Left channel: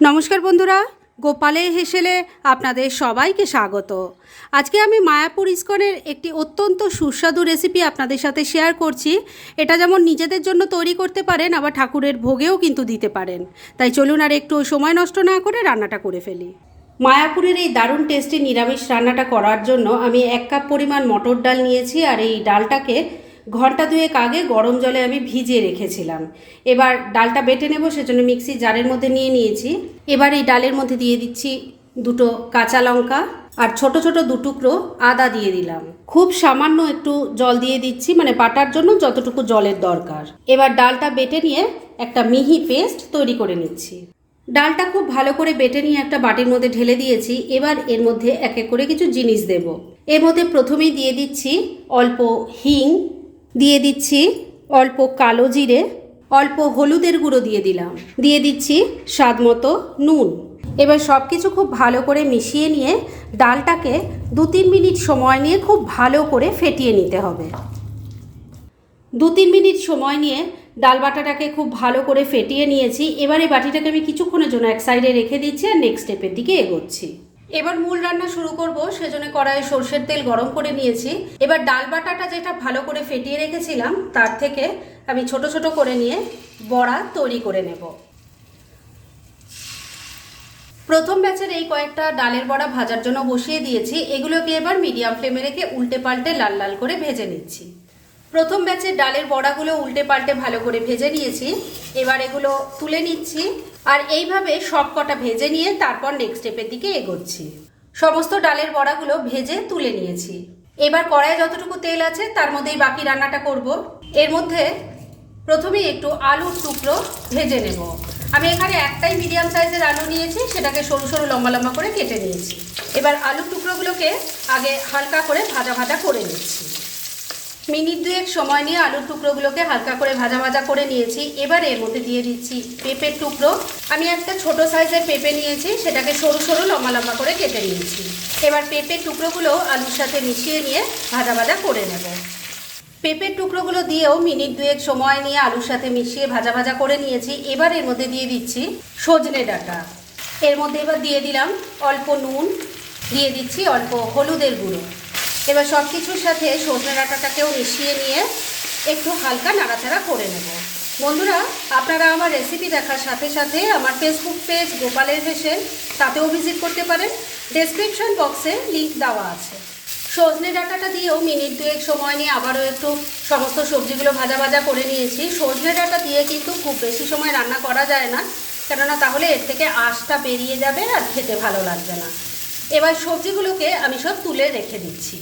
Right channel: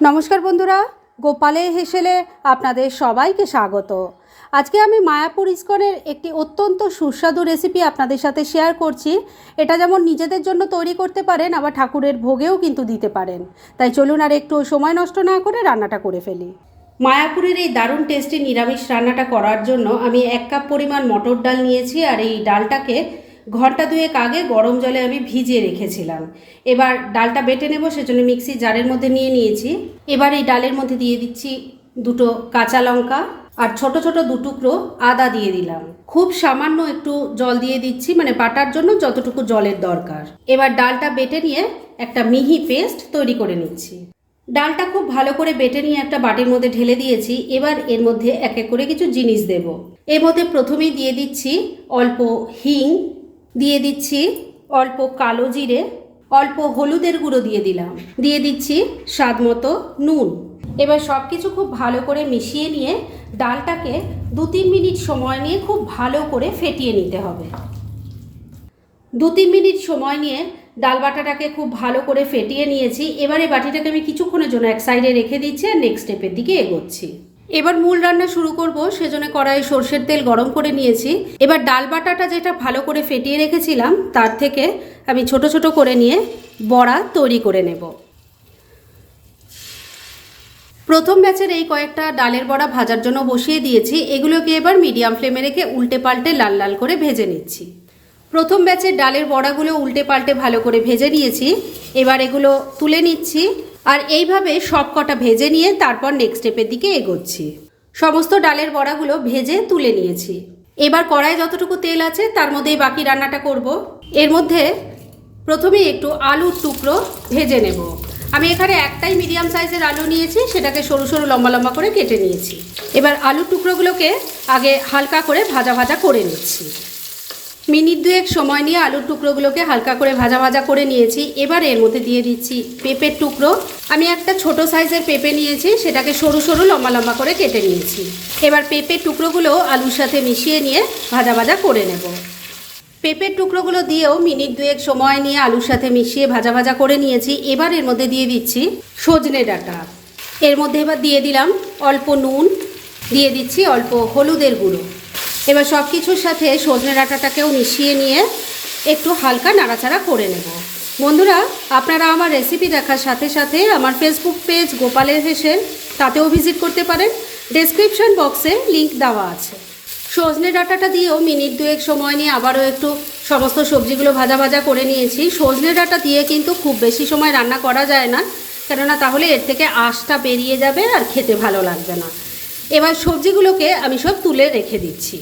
নমস্কার বন্ধুরা, গোপালে হেসেলে আপনাদের সবাইকে স্বাগত। আজকে আমি মায়াপুর ইস্কনের একটি অত্যন্ত সুস্বাদু রেসিপি আপনাদের সাথে শেয়ার করছি। এটা যেমন নিজেদের জন্য তৈরি করতে পারেন, আবার ঠাকুরের ভোগেও কিন্তু দিতে পারেন। তাই চলুন আর একটু সময় নষ্ট না করে রান্নাটা করে ফেলি। মায়াপুরের এই দারুণ টেস্টি নিরামিষ রান্নাটা করার জন্য আমি এক কাপ পরিমাণ মটর ডাল নিয়েছি, আর এই ডালটাকে ঘণ্টা দুয়েক আগে গরম জলে আমি ভিজিয়ে রেখেছিলাম। এবার ডালটা বেটে নেব, সেজন্য মিক্সি জারের মধ্যে নিয়ে নিয়েছি। এবার এই ডালের মধ্যে দিয়ে দিচ্ছি দুটো কাঁচা লঙ্কা আর ছোট ছোট দুটুকরো আদা দিয়ে দিলাম। খুব সামান্য একটু জল দিয়ে দিচ্ছি মানে বাটার জন্য যতটুকু জলের দরকার। এবার ডালটা বেটে নিয়ে একটা মিহি পেস্ট তৈরি করে নিচ্ছি। ডালটা খুব ভালো করে বেটে নিয়ে একটা বাটির মধ্যে ঢেলে দিয়েছি। এবার এর মধ্যে এক এক করে কিছু জিনিস দেব। এর মধ্যে প্রথমেই দিয়ে দিচ্ছি অল্প হিং দিয়ে দিচ্ছি অল্প কালো জিরে, অল্প হলুদের গুঁড়ো দিয়ে দিলাম। দিয়ে দিচ্ছি স্বাদ মতো নুন। এবার সব কিছু খুব ভালো করে মিশিয়ে নিয়ে ডালটাকে দু তিন মিনিট সময় নিয়ে খুব ভালো করে ফেটিয়ে নিতে হবে। দু তিন মিনিট সময় নিয়ে ডাল বাটাটাকে খুব ভালো করে ফেটিয়ে নিয়েছি। এবারে বাটিটাকে আমি কিছুক্ষণের জন্য এক সাইডে রেখে দিচ্ছি আর নেক্সট স্টেপের দিকে এগোচ্ছি। এবার মূল রান্না শুরু করব, সেজন্য কড়াই সর্ষের তেল গরম করে নিয়েছি। এবার ডাল বাটাটা যেটা ভালো করে ফেটিয়ে রেখেছিলাম, তার থেকে আমি ছোট ছোট করে নিয়ে বড়া তৈরি করে নেব। প্রথম ব্যাচের এই কয়েকটা ডালের বড়া ভাজার জন্য বসিয়ে দিয়েছি, এগুলোকে এবার মিডিয়াম ফ্লেমে রেখে উল্টে পাল্টে লাল লাল করে ভেজে নিচ্ছি। প্রথম ব্যাচের ডালের বড়াগুলো উল্টে পাল্টে ভালো করে ভেজে নিয়েছি, এবার এগুলো তুলে নিচ্ছি। আর এইভাবে সব কটা ভেজে নিয়ে তারপর নেক্সট স্টেপের দিকে এগোচ্ছি। সমস্ত ডালের বড়াগুলো ভেজে তুলে নিয়েছি। এবার কড়াইয়ে যতটুকু তেল আছে তার মধ্যেই বাকি রান্নাটা করব। এর মধ্যে প্রথমেই একটু আলুর টুকরো ভেজে নেব। আমি এখানে একটাই মিডিয়াম সাইজের আলু নিয়েছি, সেটাকে সরু সরু লম্বা লম্বা করে কেটে নিয়েছি। এবার আলুর টুকরোগুলোকে আগে হালকা করে ভাজা ভাজা করে নিচ্ছি। মিনিট দুয়েক সময় নিয়ে আলুর টুকরোগুলোকে হালকা করে ভাজা ভাজা করে নিয়েছি। এবার এর মধ্যে দিয়ে দিচ্ছি পেঁপের টুকরো। আমি একটা ছোট সাইজের পেঁপে নিয়েছি, সেটাকে সরু সরু লম্বা লম্বা করে কেটে নিয়েছি। এবার পেঁপের টুকরোগুলো আলুর সাথে মিশিয়ে নিয়ে ভাজা ভাজা করে নেব। পেঁপের টুকরোগুলো দিয়েও মিনিট দুয়েক সময় নিয়ে আলুর সাথে মিশিয়ে ভাজা ভাজা করে নিয়েছি। এবার এর মধ্যে দিয়ে দিচ্ছি সজনে ডাঁটা। এর মধ্যে এবার দিয়ে দিলাম অল্প নুন, দিয়ে দিচ্ছি অল্প হলুদের গুঁড়ো। এবার সব কিছুর সাথে সজনে ডাঁটাটাকেও মিশিয়ে নিয়ে একটু হালকা নাড়াচাড়া করে নেব। বন্ধুরা, আপনারা আমার রেসিপি দেখার সাথে সাথে আমার ফেসবুক পেজ গোপালের হেসে তাতেও ভিজিট করতে পারেন। ডেসক্রিপশন বক্সে লিংক দেওয়া আছে। সজনে ডাঁটাটা দিয়েও মিনিট দুয়েক সময় নিয়ে আবারও একটু সমস্ত সবজিগুলো ভাজা ভাজা করে নিয়েছি। সজনে ডাঁটা দিয়ে কিন্তু খুব বেশি সময় রান্না করা যায় না, কেননা তাহলে এর থেকে আঁশটা বেরিয়ে যাবে আর খেতে ভালো লাগবে না। এবার সবজিগুলোকে আমি সব তুলে রেখে দিচ্ছি।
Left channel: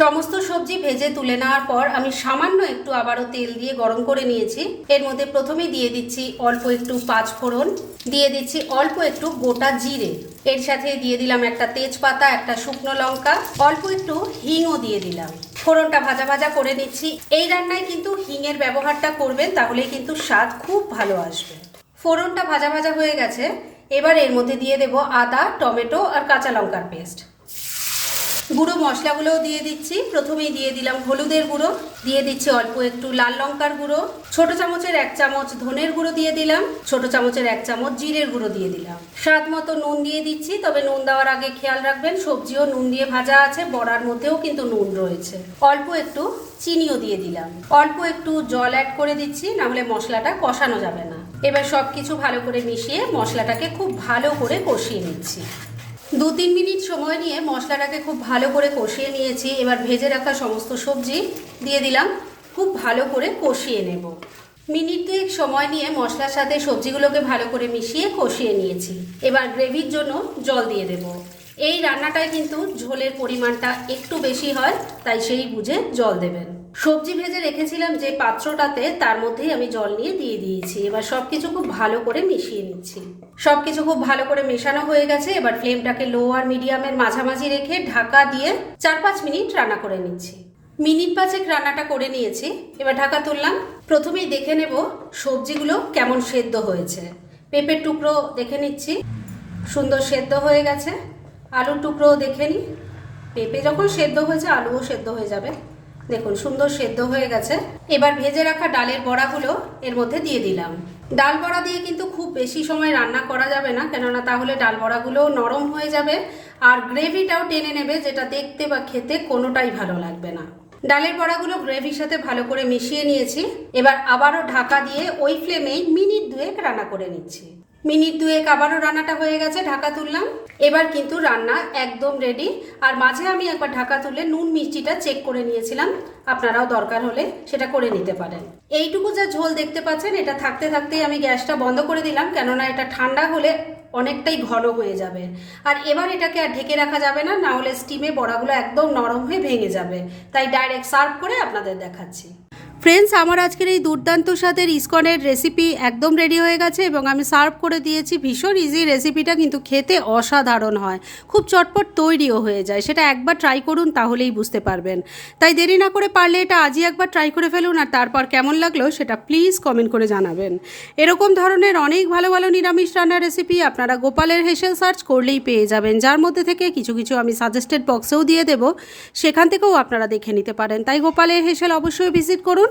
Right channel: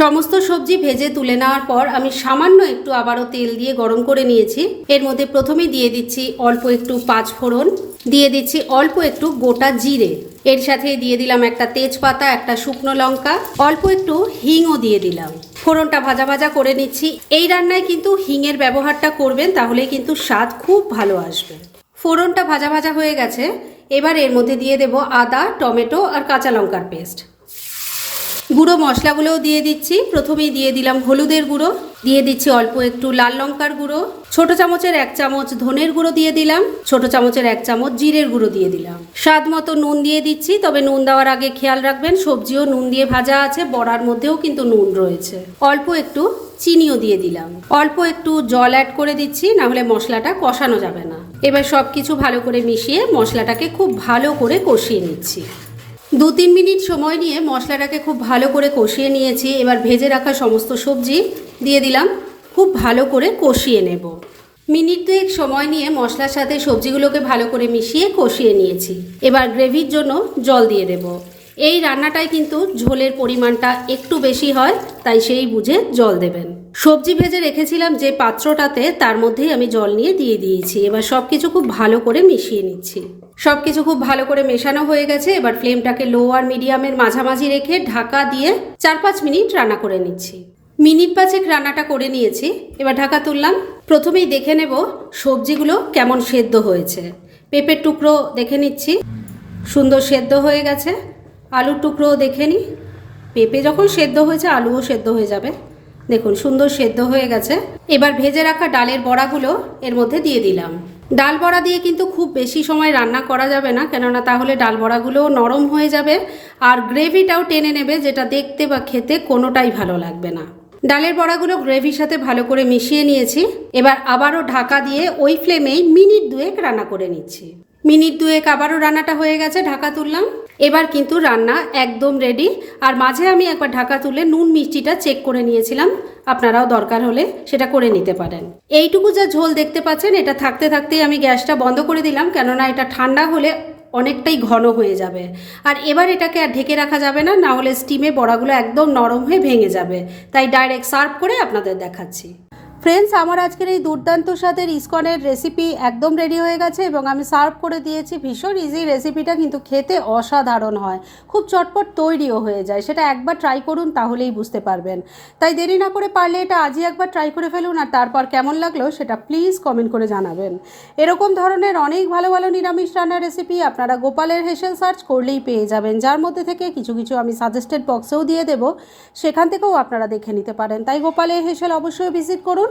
সমস্ত সবজি ভেজে তুলে নেওয়ার পর আমি সামান্য একটু আবারও তেল দিয়ে গরম করে নিয়েছি। এর মধ্যে প্রথমে দিয়ে দিচ্ছি অল্প একটু পাঁচ ফোড়ন, দিয়ে দিচ্ছি অল্প একটু গোটা জিরে। এর সাথে দিয়ে দিলাম একটা তেজপাতা, একটা শুকনো লঙ্কা, অল্প একটু হিংও দিয়ে দিলাম। ফোড়নটা ভাজা ভাজা করে নিচ্ছি। এই রান্নায় কিন্তু হিংয়ের ব্যবহারটা করবেন তাহলে কিন্তু স্বাদ খুব ভালো আসবে। ফোড়নটা ভাজা ভাজা হয়ে গেছে। এবার এর মধ্যে দিয়ে দেব আদা, টমেটো আর কাঁচা লঙ্কার পেস্ট। গুঁড়ো মশলাগুলোও দিয়ে দিচ্ছি। প্রথমেই দিয়ে দিলাম হলুদের গুঁড়ো। দিয়ে দিচ্ছি অল্প একটু লাল লঙ্কার গুঁড়ো। ছোট চামচের এক চামচ ধনের গুঁড়ো দিয়ে দিলাম। ছোট চামচের এক চামচ জিরের গুঁড়ো দিয়ে দিলাম। স্বাদ মতো নুন দিয়ে দিচ্ছি, তবে নুন দেওয়ার আগে খেয়াল রাখবেন, সবজিও নুন দিয়ে ভাজা আছে, বড়ার মধ্যেও কিন্তু নুন রয়েছে। অল্প একটু চিনিও দিয়ে দিলাম। অল্প একটু জল অ্যাড করে দিচ্ছি না হলে মশলাটা কষানো যাবে না। এবার সব কিছু ভালো করে মিশিয়ে মশলাটাকে খুব ভালো করে কষিয়ে নিচ্ছি। দু তিন মিনিট সময় নিয়ে মশলাটাকে খুব ভালো করে কষিয়ে নিয়েছি। এবার ভেজে রাখা সমস্ত সবজি দিয়ে দিলাম। খুব ভালো করে কষিয়ে নেব। মিনিট দুয়েক সময় নিয়ে মশলার সাথে সবজিগুলোকে ভালো করে মিশিয়ে কষিয়ে নিয়েছি। এবার গ্রেভির জন্য জল দিয়ে দেব। এই রান্নাটায় কিন্তু ঝোলের পরিমাণটা একটু বেশি হয়, তাই সেই বুঝে জল দেবেন। সবজি ভেজে রেখেছিলাম যে পাত্রটাতে, তার মধ্যেই আমি জল নিয়ে দিয়ে দিয়েছি। এবার সব কিছু খুব ভালো করে মিশিয়ে নিচ্ছি। সব কিছু খুব ভালো করে মেশানো হয়ে গেছে। এবার ফ্লেমটাকে লো আর মিডিয়ামের মাঝামাঝি রেখে ঢাকা দিয়ে চার পাঁচ মিনিট রান্না করে নিচ্ছি। মিনিট পাঁচেক রান্নাটা করে নিয়েছি। এবার ঢাকা তুললাম। প্রথমেই দেখে নেব সবজিগুলো কেমন সেদ্ধ হয়েছে। পেঁপের টুকরো দেখে নিচ্ছি। সুন্দর সেদ্ধ হয়ে গেছে। আলুর টুকরোও দেখে নিই পেঁপে যখন সেদ্ধ হয়েছে, আলুও সেদ্ধ হয়ে যাবে। দেখুন, সুন্দর সেদ্ধ হয়ে গেছে। এবার ভেজে রাখা ডালের বড়াগুলো এর মধ্যে দিয়ে দিলাম। ডাল বড়া দিয়ে কিন্তু খুব বেশি সময় রান্না করা যাবে না, কেননা তাহলে ডাল বড়াগুলো নরম হয়ে যাবে আর গ্রেভিটাও টেনে নেবে, যেটা দেখতে বা খেতে কোনোটাই ভালো লাগবে না। ডালের বড়াগুলো গ্রেভির সাথে ভালো করে মিশিয়ে নিয়েছি। এবার আবারও ঢাকা দিয়ে ওই ফ্লেমেই মিনিট দুয়েক রান্না করে নিচ্ছি। মিনিট দুয়েক আবারও রান্নাটা হয়ে গেছে, ঢাকা তুললাম। এবার কিন্তু রান্না একদম রেডি আর মাঝে আমি একবার ঢাকা তুলে নুন মিষ্টিটা চেক করে নিয়েছিলাম। আপনারাও দরকার হলে সেটা করে নিতে পারেন। এইটুকু যা ঝোল দেখতে পাচ্ছেন, এটা থাকতে থাকতেই আমি গ্যাসটা বন্ধ করে দিলাম। কেননা এটা ঠান্ডা হলে অনেকটাই ঘন হয়ে যাবে। আর এবার এটাকে আর ঢেকে রাখা যাবে না না হলে স্টিমে বড়াগুলো একদম নরম হয়ে ভেঙে যাবে। তাই ডাইরেক্ট সার্ভ করে আপনাদের দেখাচ্ছি। ফ্রেন্ডস আমার আজকের এই দুর্দান্ত স্বাদের ইস্কনের রেসিপি একদম রেডি হয়ে গেছে এবং আমি সার্ভ করে দিয়েছি। ভীষণ ইজি রেসিপিটা কিন্তু খেতে অসাধারণ হয়। খুব চটপট তৈরিও হয়ে যায়। সেটা একবার ট্রাই করুন, তাহলেই বুঝতে পারবেন। তাই দেরি না করে পারলে এটা আজই একবার ট্রাই করে ফেলুন আর তারপর কেমন লাগল সেটা প্লিজ কমেন্ট করে জানাবেন। এরকম ধরনের অনেক ভালো ভালো নিরামিষ রান্নার রেসিপি আপনারা গোপালের হেসেল সার্চ করলেই পেয়ে যাবেন। যার মধ্যে থেকে কিছু কিছু আমি সাজেস্টেড বক্সেও দিয়ে দেব। সেখান থেকেও আপনারা দেখে নিতে পারেন। তাই গোপালের হেসেল অবশ্যই ভিজিট করুন।